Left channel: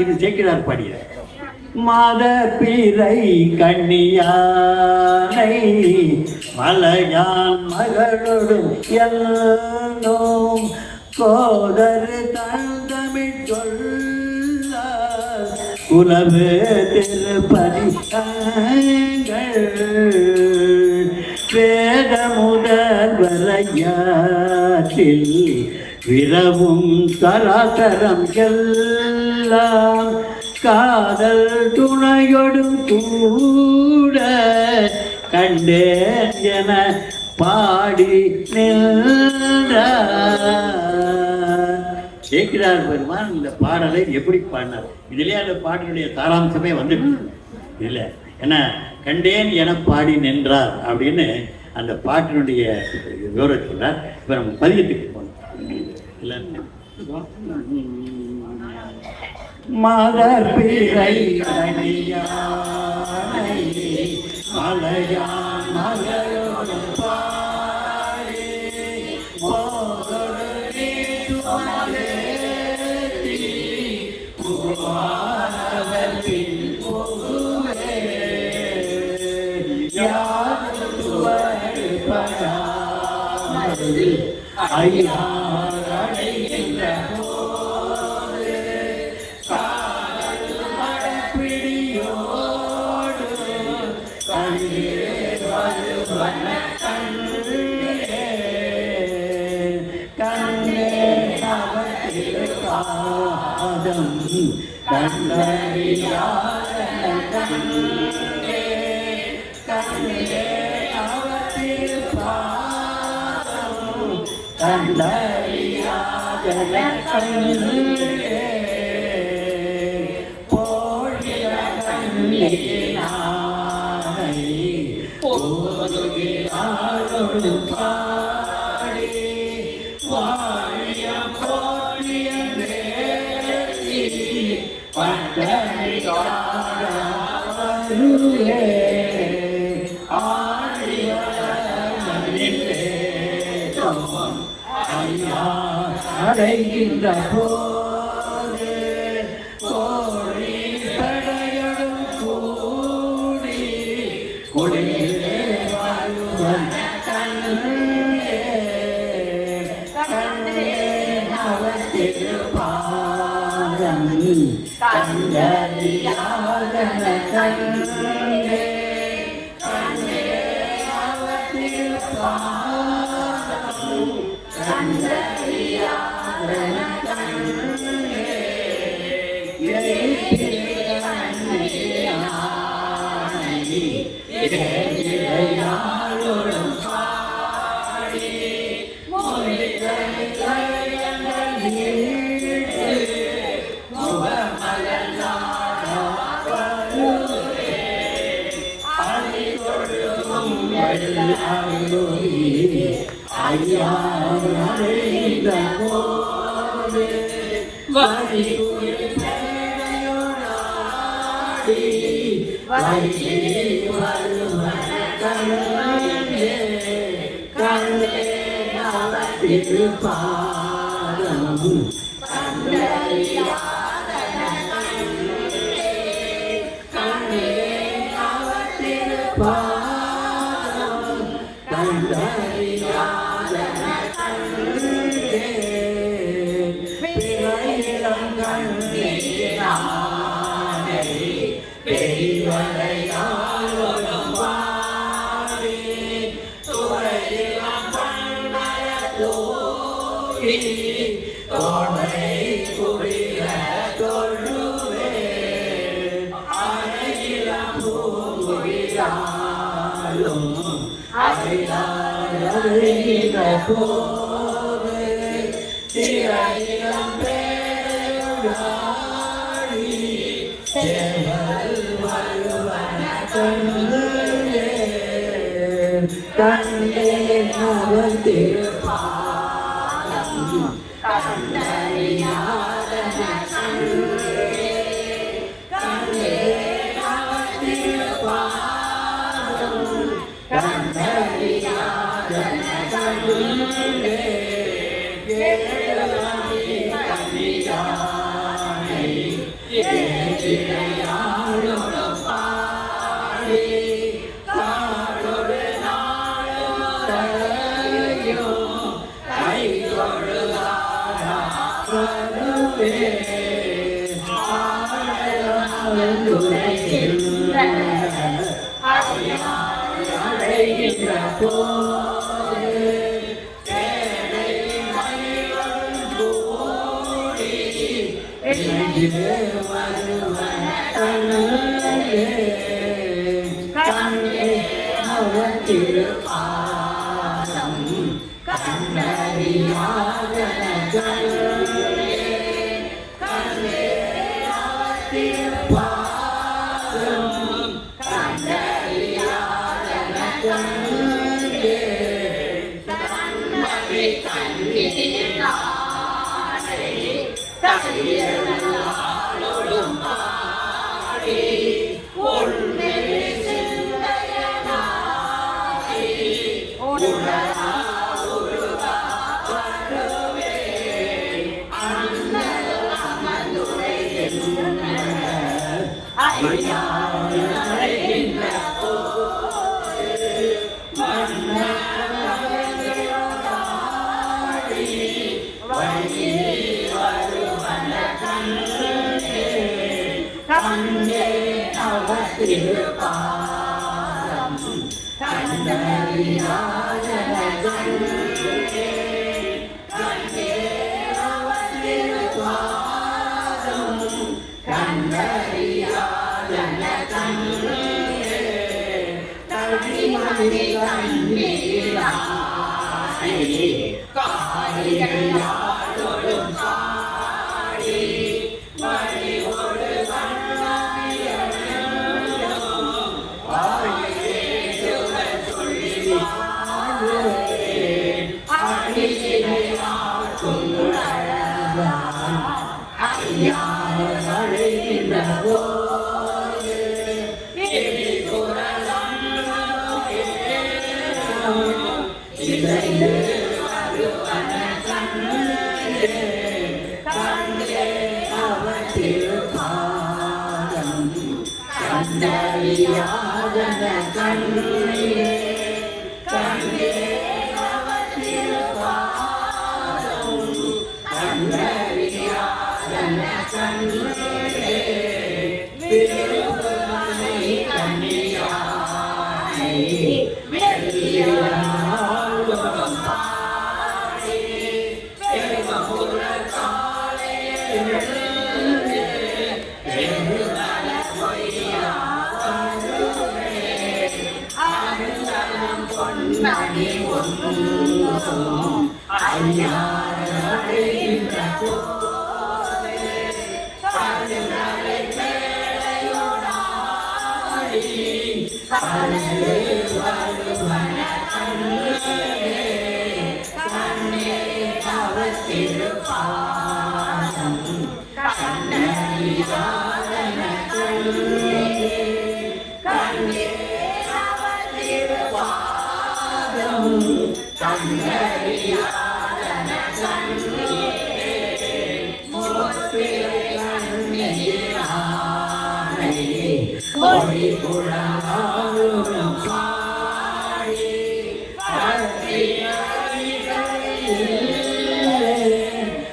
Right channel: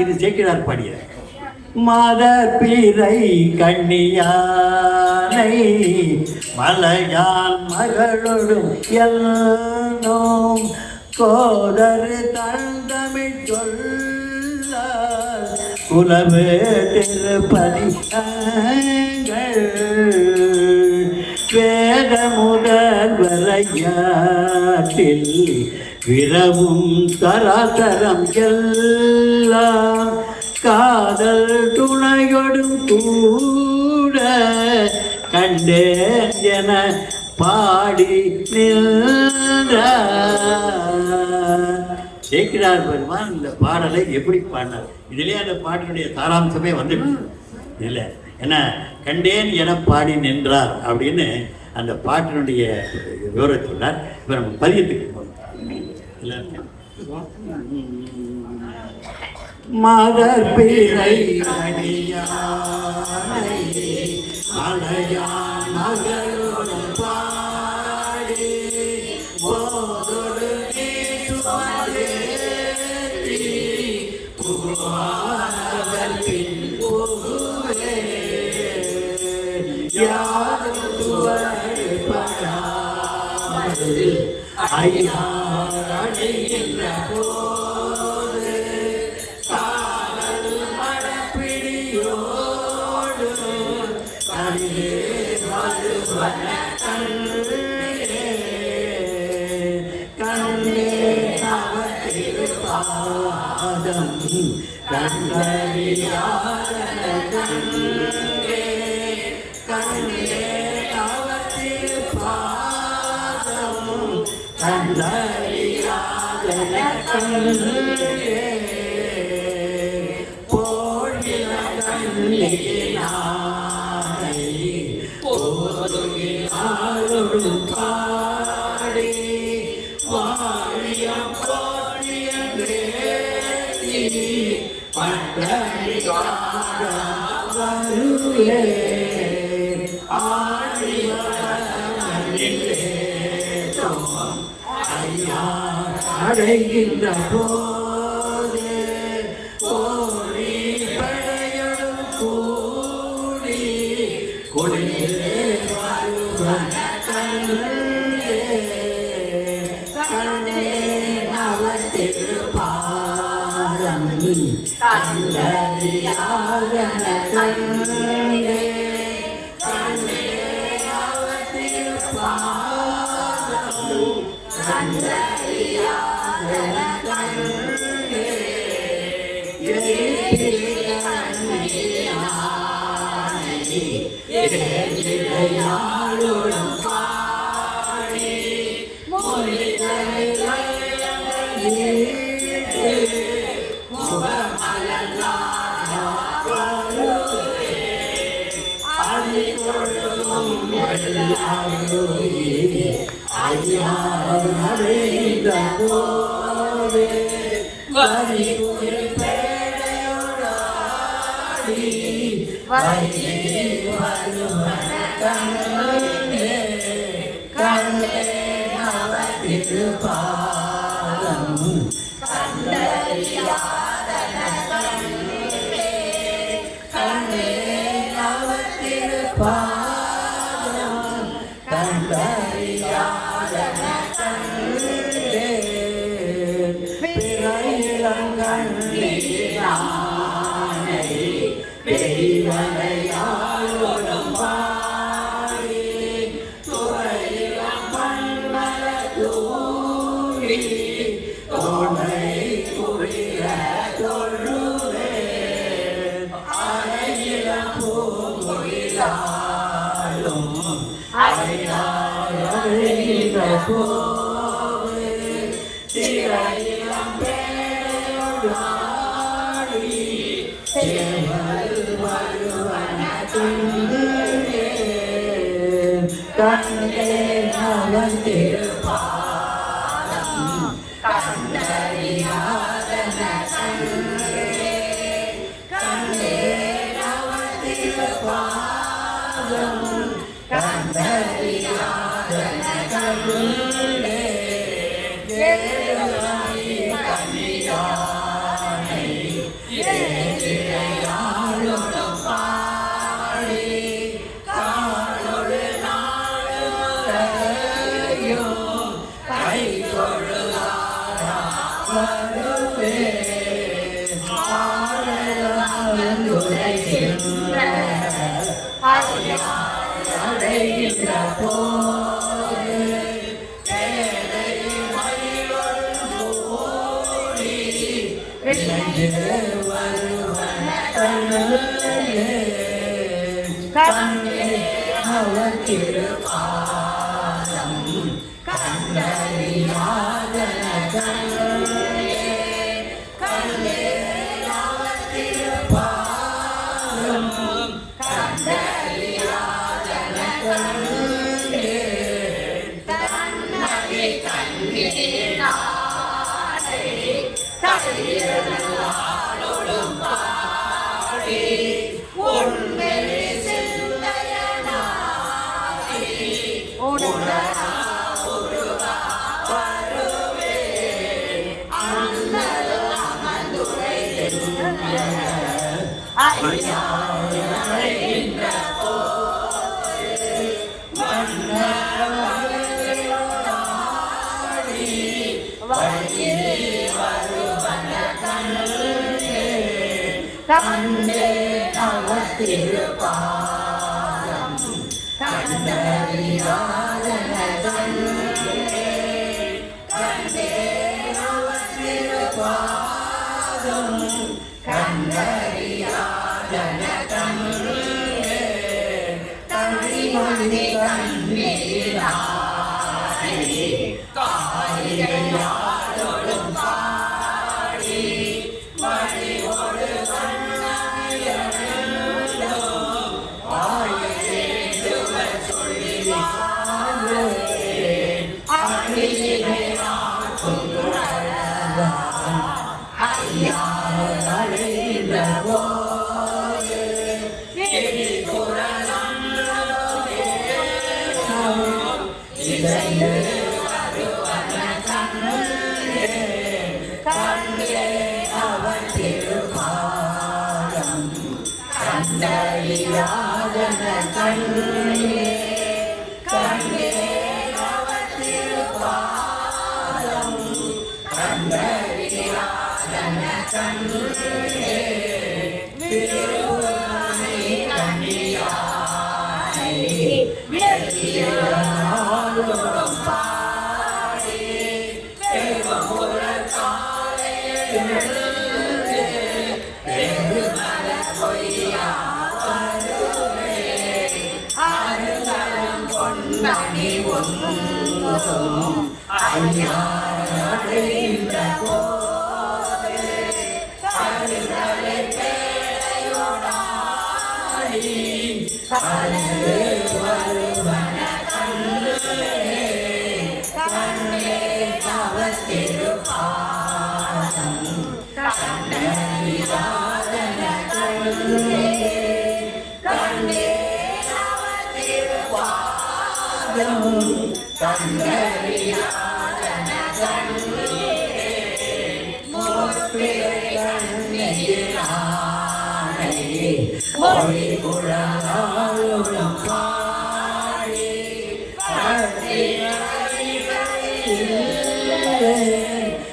இது சேக்கிழார் பாடிய மாதர் பிறை கண்ணியானை மலையான் மகளோடும் எல்லோம் கோதரு தன் தமிழ் சொல்ல உலவு திருப்பதி வேத முதல் வரையாற்றில் விரவும் தராதரம் எல்லாம் காதல் துணையொடும் கூட கண்டேன் என பாடி சேக்கிழார் பெருமான் இந்த பாடலை எப்படி பாடினார்? இதுலேயே அந்த பாட்டினுடைய சாராம்சமே வந்துடுச்சு இல்லை. ஏன்னா கண்டேன் என பாடி நின்றார் அப்படின்னு அந்த பாட்டினுடைய விவரத்தை சொன்னார். இப்போ நம்ம பதியத்துக்கு மாதர் பிறை மலையான் மகளோடு பாடி போதொரு ஐயா அடைகின்ற போது காதல் மடப்பிடியோடு கண்ணே வருவன கண்ணே அவதிருப்பாதம் கண்ணறியாத கண்ணே கண்ணே அவதிருப்பாதம் கண்ணறியாத கண்ணே போழில கண்ணே நானை போதுகிறாளொடு பாடி வாழிய போற்றிய வேதி பண்டறியாத ஆழிய ஐயா அடைகின்ற போது கோழி படையடும் கூடி குடிலே வருவன் கண்ணே கண்ணே நவத்திருப்பாதம் கண்டறியாத கண்ணே கண்ணே நவத்திருப்பாதம் கண்டறியாத கண்ணே இளையாளோடும் பாடி ஐயா Yeah. அழைகின்ற போது வருவன கண்ணே அவர் திருப்பாதம் கண்டறியாத கண்ணே கண்ணே அவர் திருப்பாதம் கண்டறியாத கண்ணே கண்ணை கண்ணீர் நாடே கண்ணீரோடும் பாடி உன்னை சிந்தையனாகி உடலா உருவா வருவே அண்ணல் அமர்ந்துரைகின்ற ஐயாவின் போது மன்னவர்களாடி வழி வருவன கண்ணே அவர் திருப்பாதம் கண்டறியாத கண்ணே கண்ணே அவர் திருப்பாதம் கண்டறியாத கண்ணே கண்ணிமணி கண்ணீராடி காரிகையாடொடும் பாடி மணியோடு கண்டறியாதன கண்ணே கண்ணே அவர் திருப்பாதம் கண்டறியாதன கண்ணே திருவனை கண்ணியானை வெற்றியாடும் பாடி தேவபுர காலே மணி ஒன்றும் ஐயாவின்ற போது கருவறை பேரையோடாடி கருவே வருவன கண்ணே கண்ணே அவர் திருப்பாதம் கண்டறியாதன கண்ணே கண்ணே அவர் திருப்பாதம் கண்டறியாதன கண்ணே மோர்பிறை கண்ணீரானை மொழி குழலாளும் பாடி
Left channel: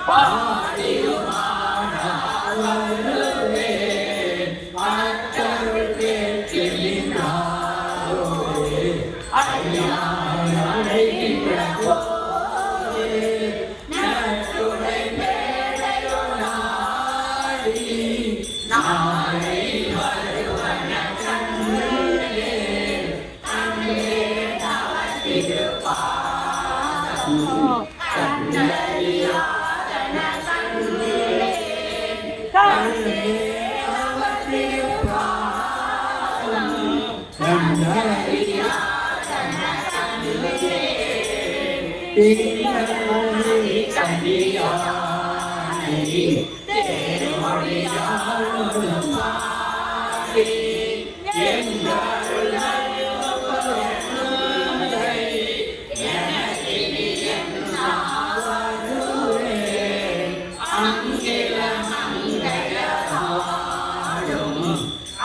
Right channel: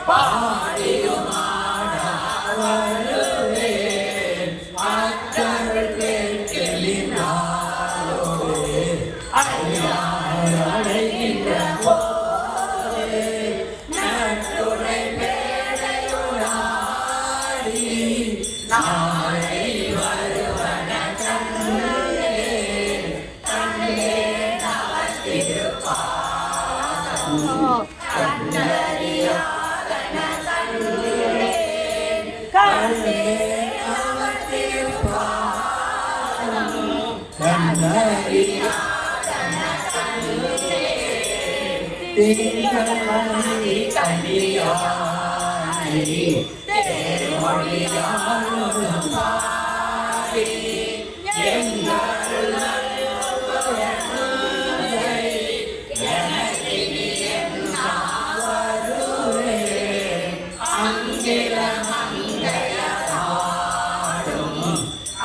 பாடியும் ஆடாவருவே மற்றவள் கேட்கின்றாரோடு ஐயாவடைகின்ற போது நட்டுரை மேடையுளாடி நாளை வருவன கண்ணே கண்ணே அவர் திருப்பாதம் கண்டறியாதன கண்ணே கண்ணே அவர் திருப்பாதம் கண்டறியாதன கண்ணே தீனமணி கண்ணியானை தேர்மொழியாளும் பாடி எங்கள் எனக்கினி வருவே அங்கில மங்கையாடும்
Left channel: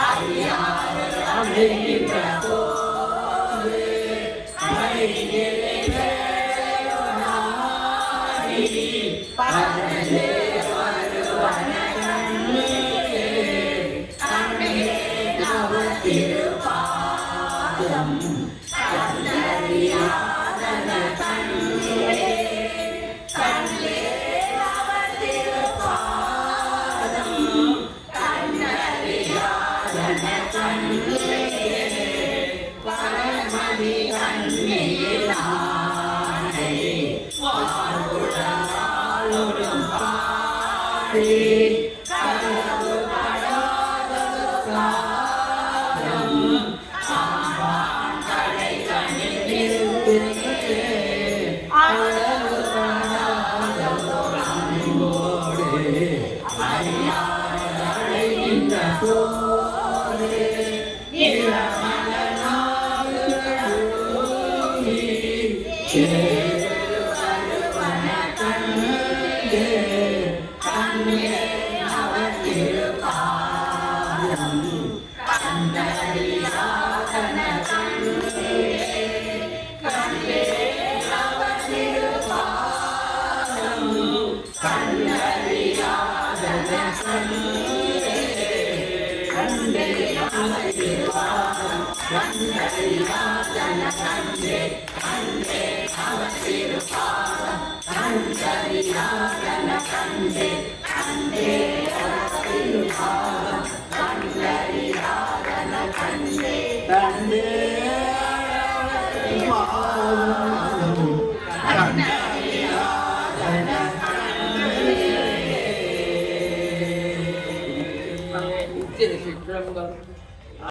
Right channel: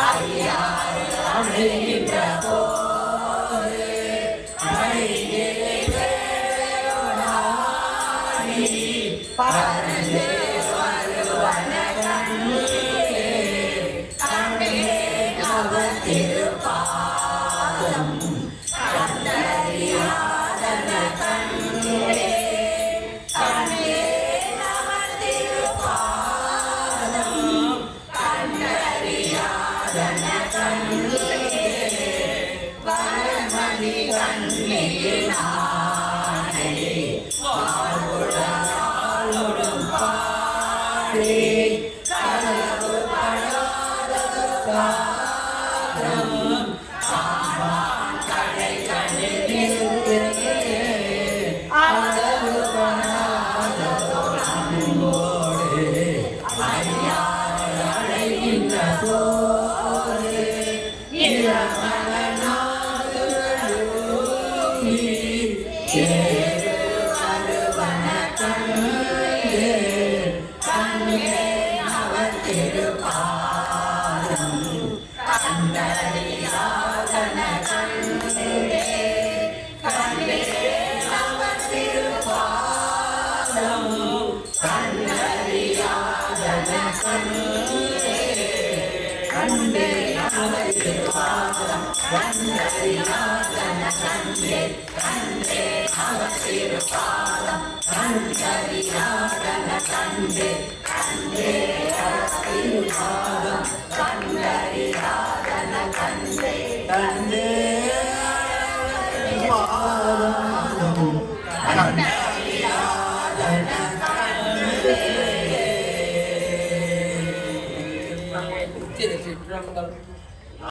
ஐயாவின்ற போது ஐயிலை வேளையோடாடி பரலே வருவன கண்ணே பரமதி கண்ணீரானே வாழ்வுடனாலும் பாடி கலவு படாதது காலம் சாம்பான் கடை கணிதிருக்கிறது அளவு படாததோடு அறியாத அடைகின்ற சோறு திருச்சிற்றம்பலம்.